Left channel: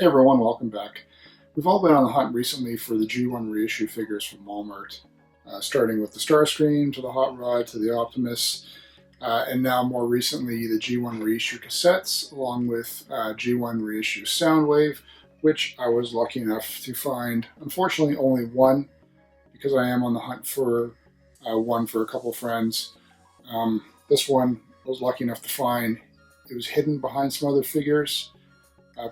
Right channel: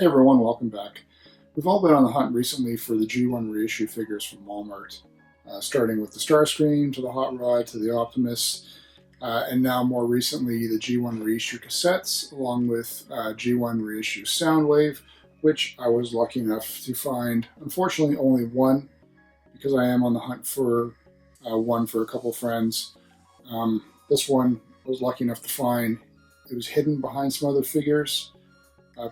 Hey everyone, welcome back. We've all been on the hunt recently for the G1 reissue figures from Walmart, starting with the Starscream to the Hot Rod to the Optimus, and now more recently the G1 reissue cassettes, along with G1 reissue Soundwave, which I was lucky enough to find. Unfortunately, only one, because I am on the hunt for one for a couple friends. This one I was lucky enough to find. It was hidden behind some other figures.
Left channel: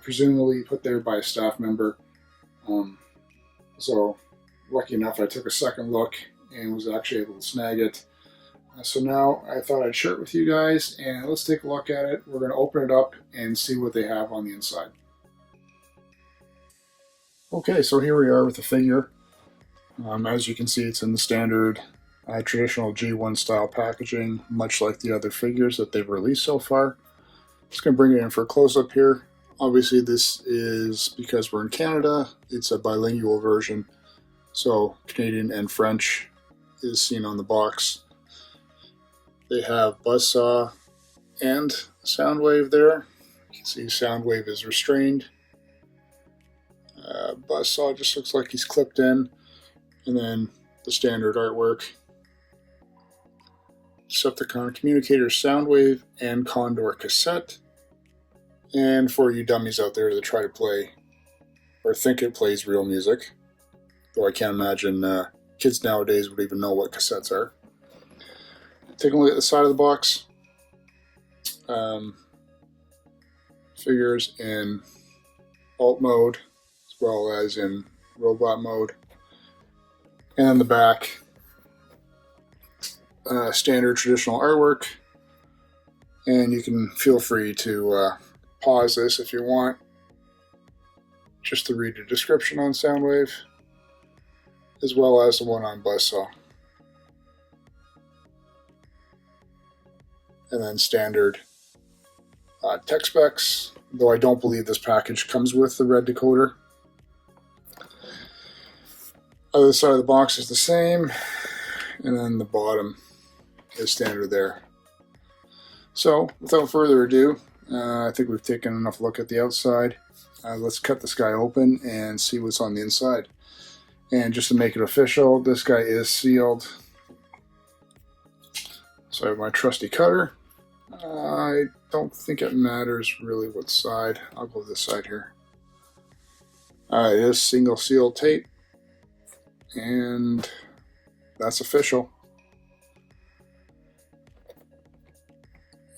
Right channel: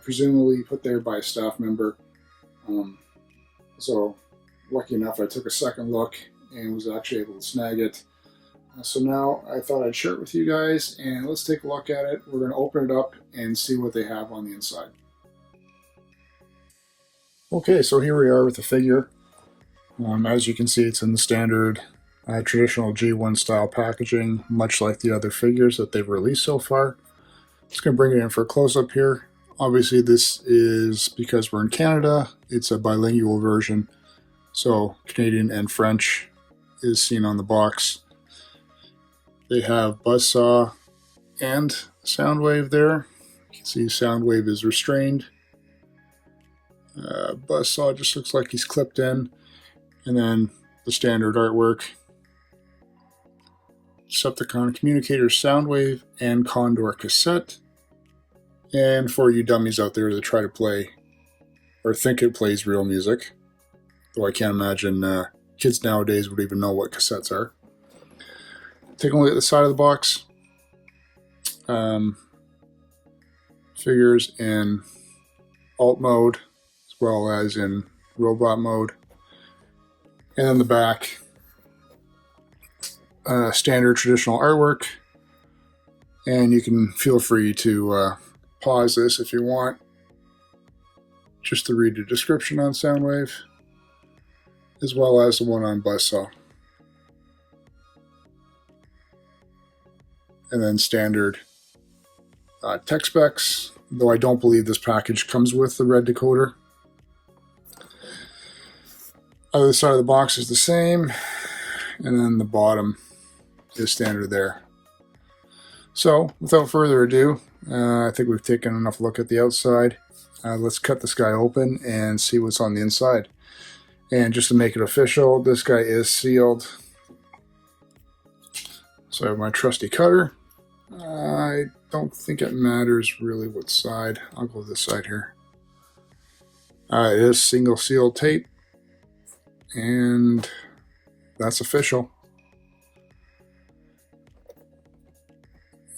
Presumably put there by a staff member. So lucky enough I took a second look and was actually able to snag it. So now I thought I'd share it with you guys, and let's take a look at it. We're going to open it up and see what they have on the inside. Okay, so here we are with the figure. As you can see, it's in the standard traditional G1 style packaging, much like the other figures that they've released so far. Just going to bring it in for a close-up here. Obviously, this is because we're in Canada, it's a bilingual version, so Canadian and French is seen on the box. They have Buzzsaw and Soundwave there. You can see Soundwave is restrained. Buzzsaw just looks like he's clipped in, and then the standard artwork. Decepticon Communicator Soundwave and Condor cassette. And for you dummies out there that try to play or think it plays real music, though I can't imagine kids nowadays would even know what cassettes are. Take a look at the side of the box. Figures in alt mode as well as in robot mode. And then the back, standard traditional artwork. And you can feel free to pause this if you want, just to read the description on Soundwave, as well as the one on Buzzsaw. And then standard tech specs, though I don't believe this package comes with the red decoder. Other side of the box is the same, and then the bottom is standard there. So, without further ado, I think we've taken enough look at the outside. Let's cut this guy open and see what's on the inside. And just to make it official, this guy is sealed. So I have my trusty cutter. I don't think it matters really what side. I'll go this side here. It is single seal tape, and that's official.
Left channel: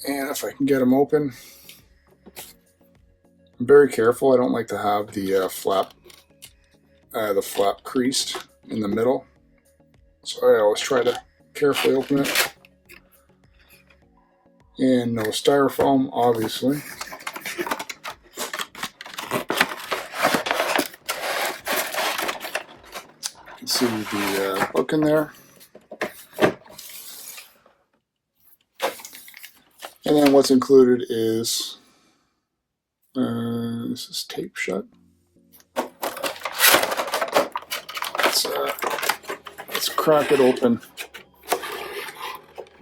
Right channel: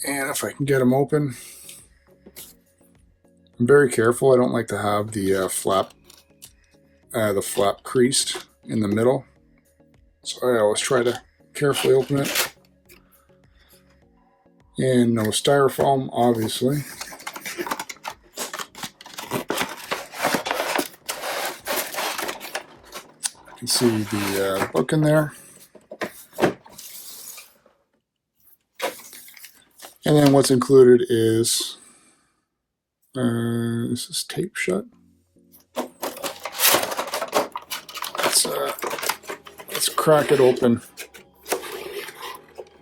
And if I can get them open, I'm very careful. I don't like to have the flap creased in the middle, so I always try to carefully open it. And no styrofoam, obviously. You can see the book in there. And then what's included is, this is tape shut. Let's crack it open.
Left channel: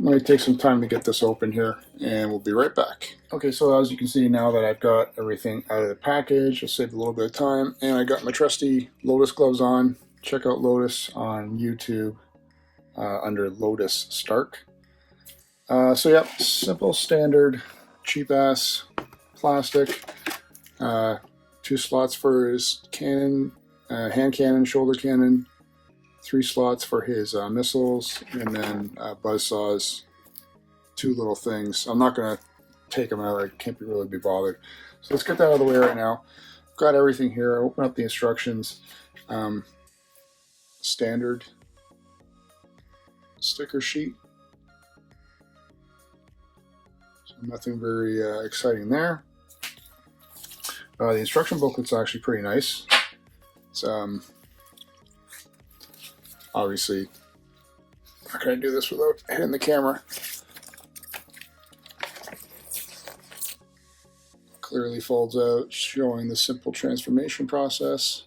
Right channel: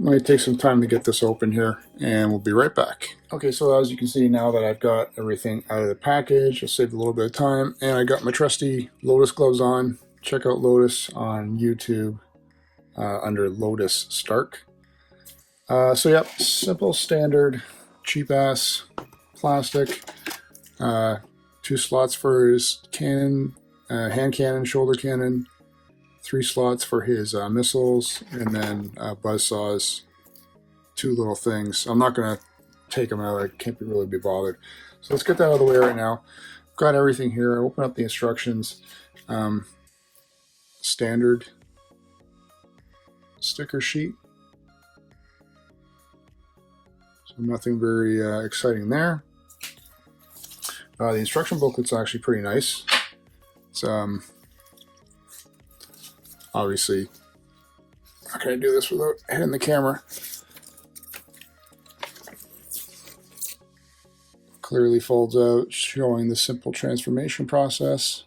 Let me take some time to get this open here, and we'll be right back. Okay, so as you can see now that I've got everything out of the package, I saved a little bit of time, and I got my trusty Lotus gloves on. Check out Lotus on YouTube under Lotus Stark. So yeah, simple, standard, cheap-ass plastic. 2 slots for his cannon, hand cannon, shoulder cannon. 3 slots for his missiles, and then Buzzsaw's 2 little things. I'm not going to take them out. I can't really be bothered. So let's get that out of the way right now. I've got everything here. Open up the instructions. Standard sticker sheet. So nothing very exciting there. The instruction booklet's actually pretty nice. It's obviously not going to do this without hitting the camera. Clearly folds out, showing the simple transformation process.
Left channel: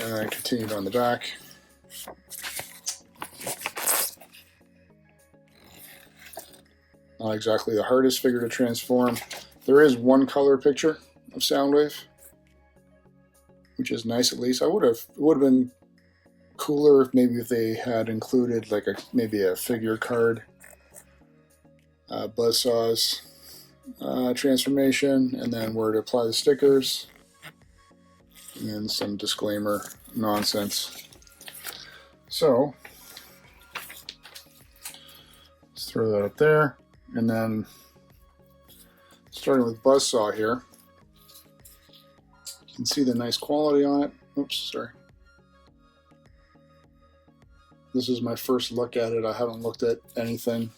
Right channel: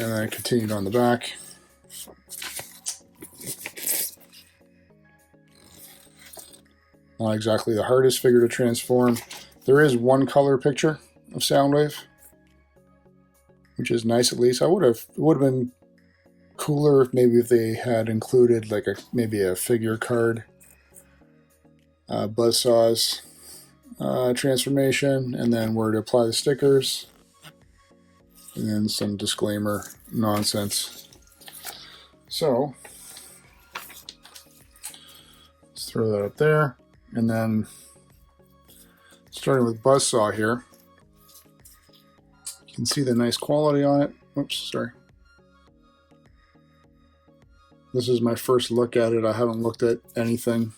And then continued on the back. Not exactly the hardest figure to transform. There is one color picture of Soundwave, which is nice at least. It would have been cooler if maybe if they had included like maybe a figure card, Buzzsaw's transformation, and then where to apply the stickers, and some disclaimer nonsense. So let's throw that up there, and then starting with Buzzsaw here, you can see the nice quality on it. Oops, sorry. This is my first look at it. I haven't looked at anything.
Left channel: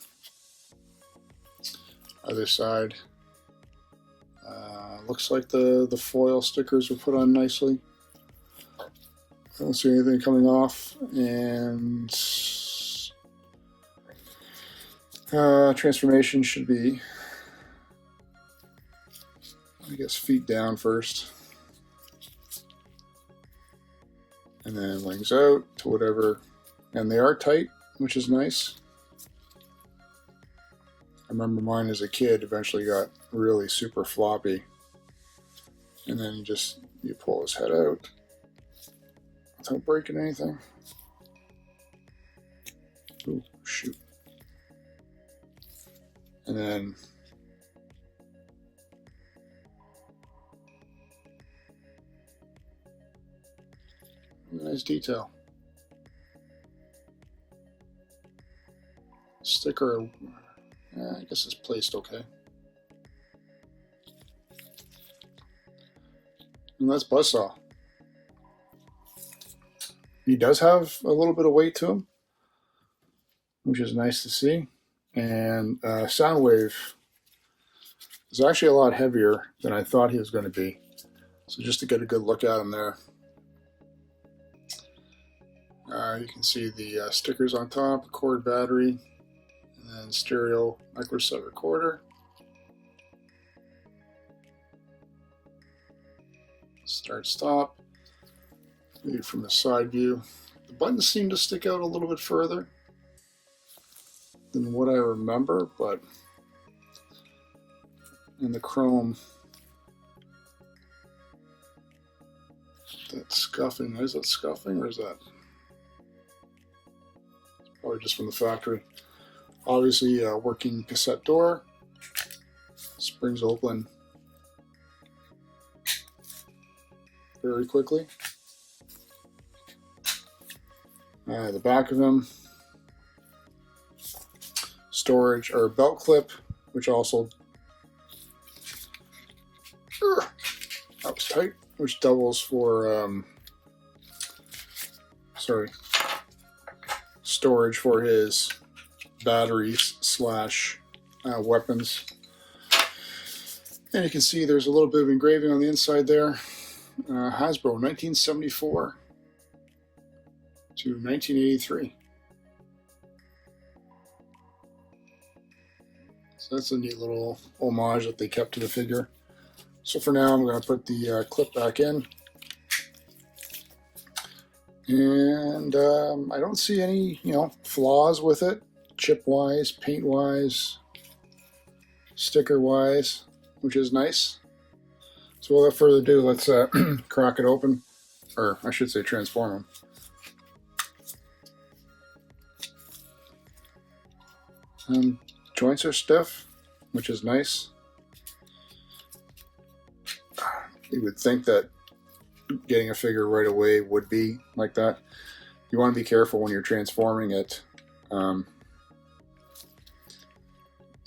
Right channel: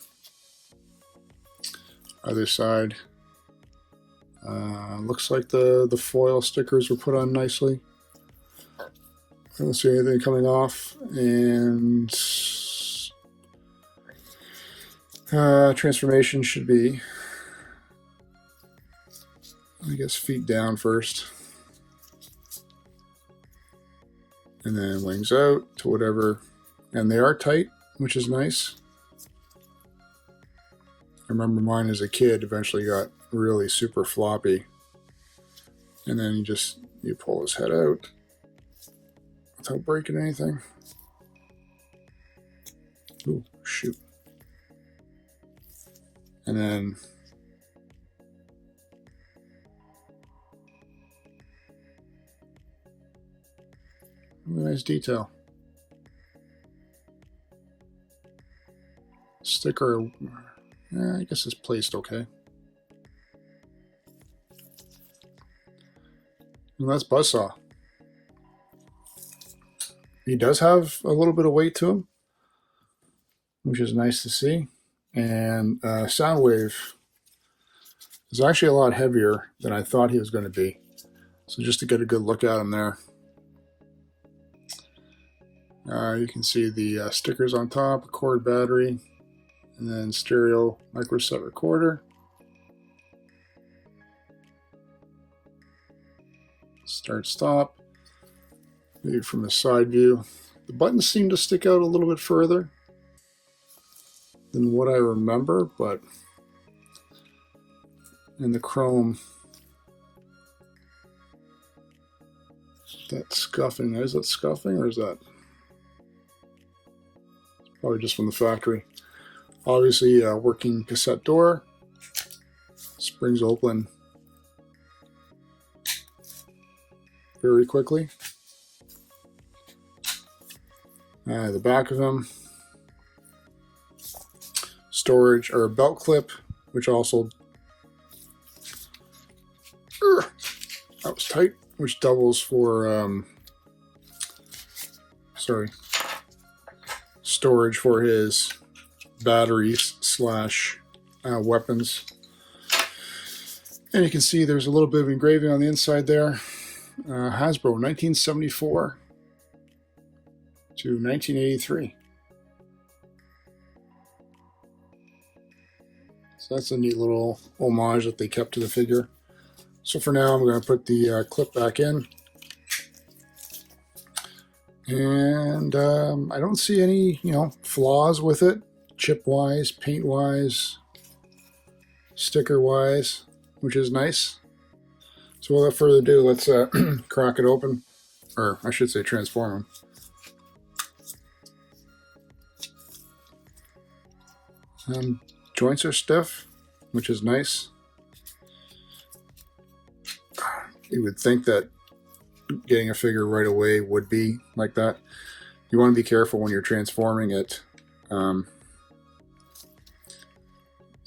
Other side. Looks like the foil stickers were put on nicely. I don't see anything coming off. And transformation should be, I guess, feet down first. And then wings out to whatever. And they are tight, which is nice. I remember mine as a kid eventually got really super floppy. And then you pull his head out without breaking anything. Ooh, shoot. And then nice detail. Sticker, I guess it's placed okay. And that's Buzzsaw. He does have a little bit of weight to him, which is nice to see. And Soundwave is actually a lot heavier than I thought he was going to be. So just to get a good look at him there. You can see the stickers on top, cord battery, and then stereo microset recorder. Start stop. Read from the side view. The buttons seem to stick out a little bit further than what I remember, but in the chrome, that scuffing, is that scuffing or is that probably just from the factory? Obviously, working cassette door, springs open very quickly. The back of them, storage or belt clip, which also that was tight, which doubles for storage for his batteries slash weapons. And you can see there's a little bit of engraving on the inside there. Hasbro 1974 to 1983. So that's a neat little homage that they kept to the figure. So for now, I'm going to put the clip back in. And I don't see any, flaws with it, chip-wise, paint-wise, sticker-wise, which is nice. So without further ado, let's crack it open, or I should say transform them. And joints are stiff, which is nice. You would think that getting a figure right away would be like that. You want to be careful when you're transforming it. You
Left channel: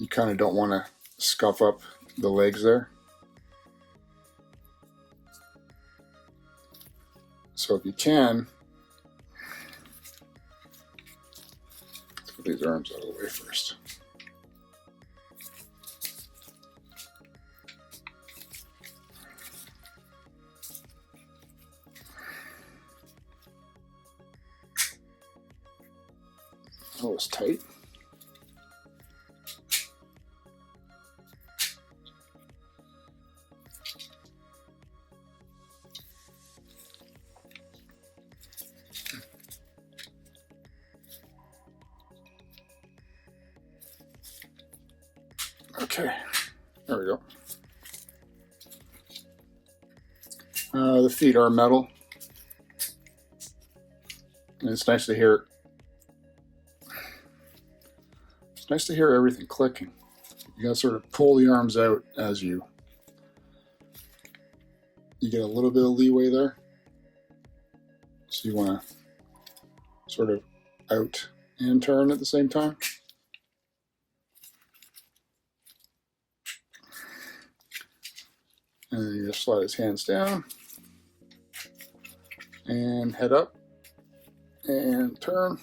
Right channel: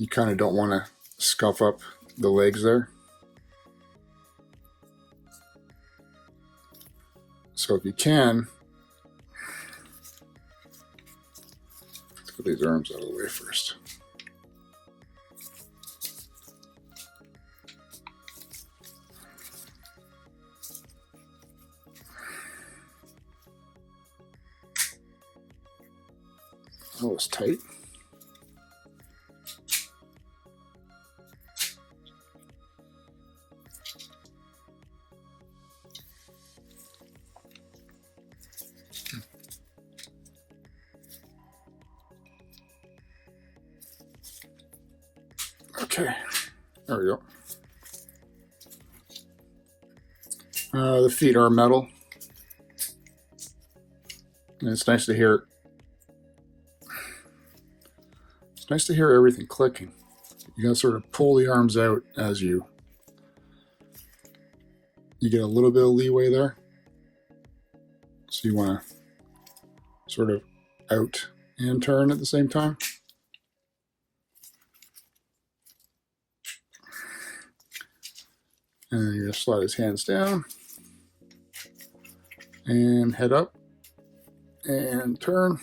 kind of don't want to scuff up the legs there. So if you can, let's put these arms out of the way first. That was tight. Okay, there we go. The feet are metal. And it's nice to hear. It's nice to hear everything clicking. You gotta sort of pull the arms out as you get a little bit of leeway there. So you want to sort of out and turn at the same time. And then you just slide his hands down and head up and turn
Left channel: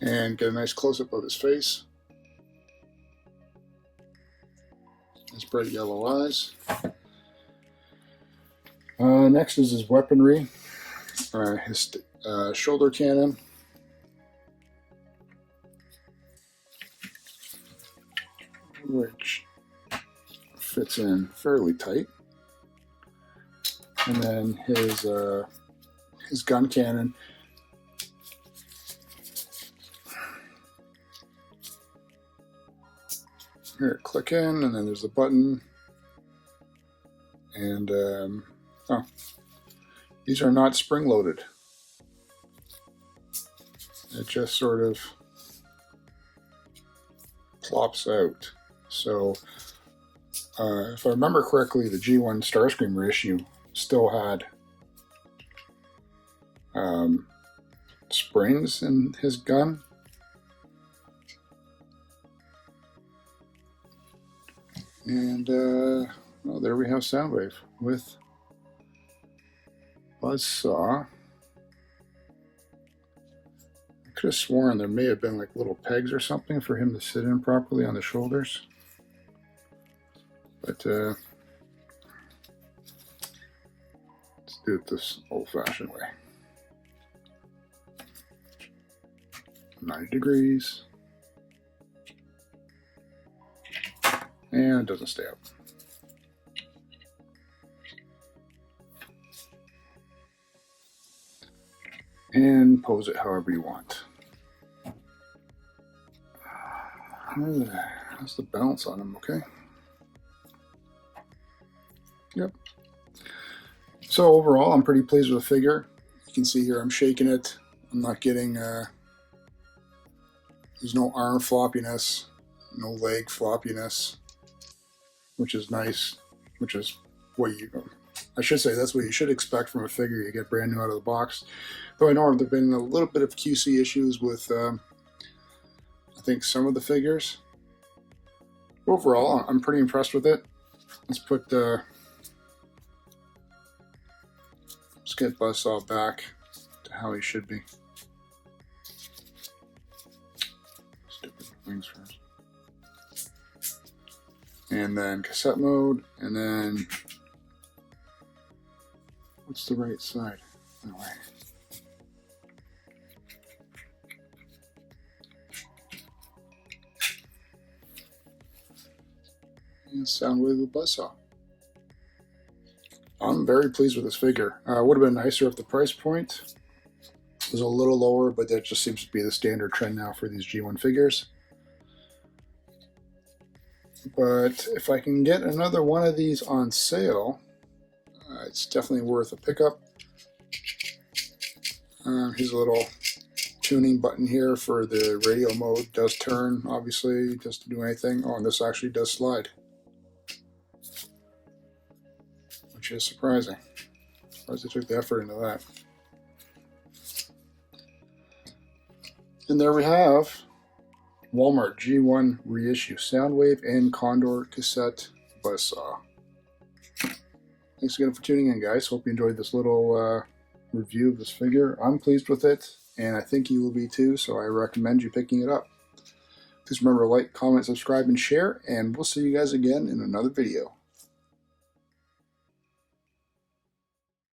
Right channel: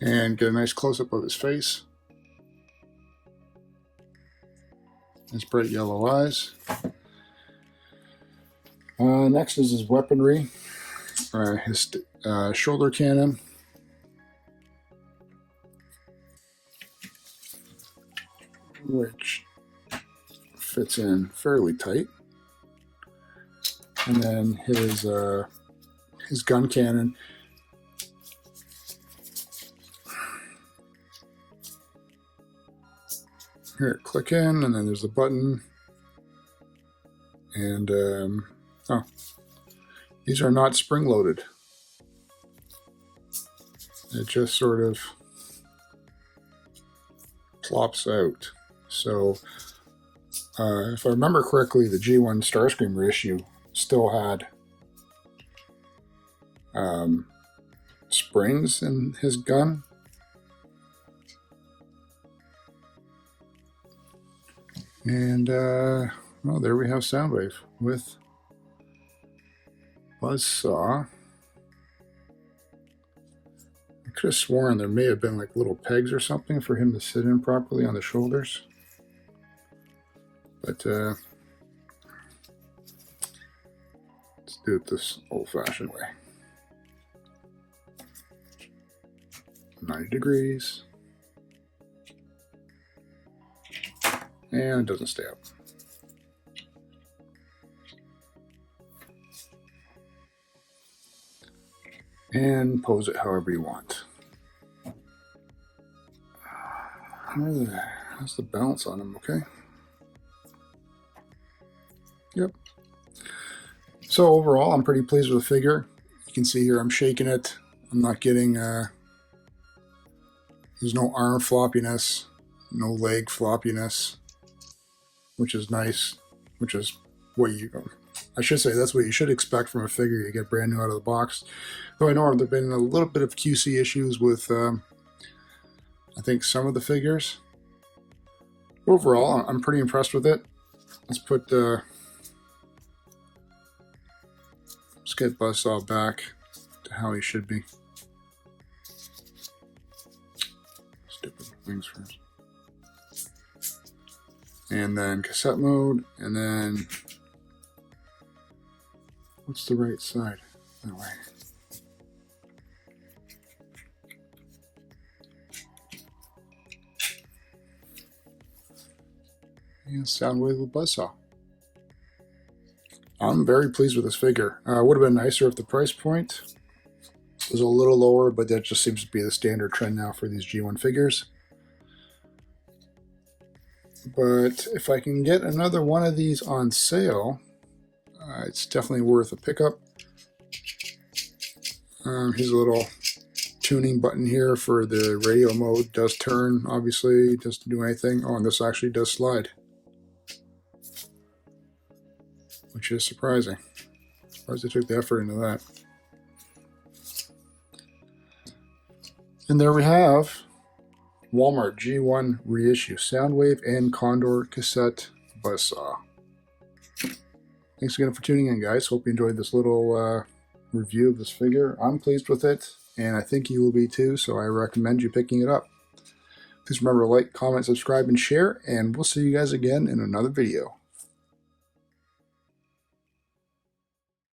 and get a nice close-up of his face. His bright yellow eyes. Next is his weaponry, his shoulder cannon. Which fits in fairly tight. And then his gun cannon. Here, click in, and then there's the button. And these are not spring-loaded. It just sort of plops out. So, if I remember correctly, the G1 Starscream reissue still had springs in his gun. And, well, there we have Soundwave with Buzzsaw. I could have sworn there may have been like little pegs or something for him to sit in properly on the shoulders. But let's do it this old-fashioned way. 90 degrees. And it doesn't stay up. And pose it however you want. That's the balance on him, okay? Yep. So overall, I'm pretty pleased with the figure. You can see here I'm shaking it. I'm not getting, there's no arm floppiness, no leg floppiness, which is nice, which is what I should say that's what you should expect from a figure you get brand new out of the box. Though I know there have been a little bit of QC issues with, I think, some of the figures. Overall, I'm pretty impressed with it. Let's get Buzzsaw back to how he should be. Stupid wings first. And then cassette mode, and then what's the right side? That way. And Soundwave Buzzsaw. I'm very pleased with this figure. Would have been nicer if the price point was a little lower, but that just seems to be the standard trend now for these G1 figures. But if I can get another one of these on sale, it's definitely worth a pickup. Here's a little tuning button here for the radio mode. Does turn, obviously, doesn't do anything. Oh, and this actually does slide, which is surprising. Surprised they took the effort into that. And there we have Walmart G1 reissue Soundwave and Condor cassette Buzzsaw. Thanks again for tuning in, guys. Hope you enjoyed this little review of this figure. I'm pleased with it, and I think you will be too, so I recommend you picking it up. Please remember to like, comment, subscribe, and share, and we'll see you guys again in another video.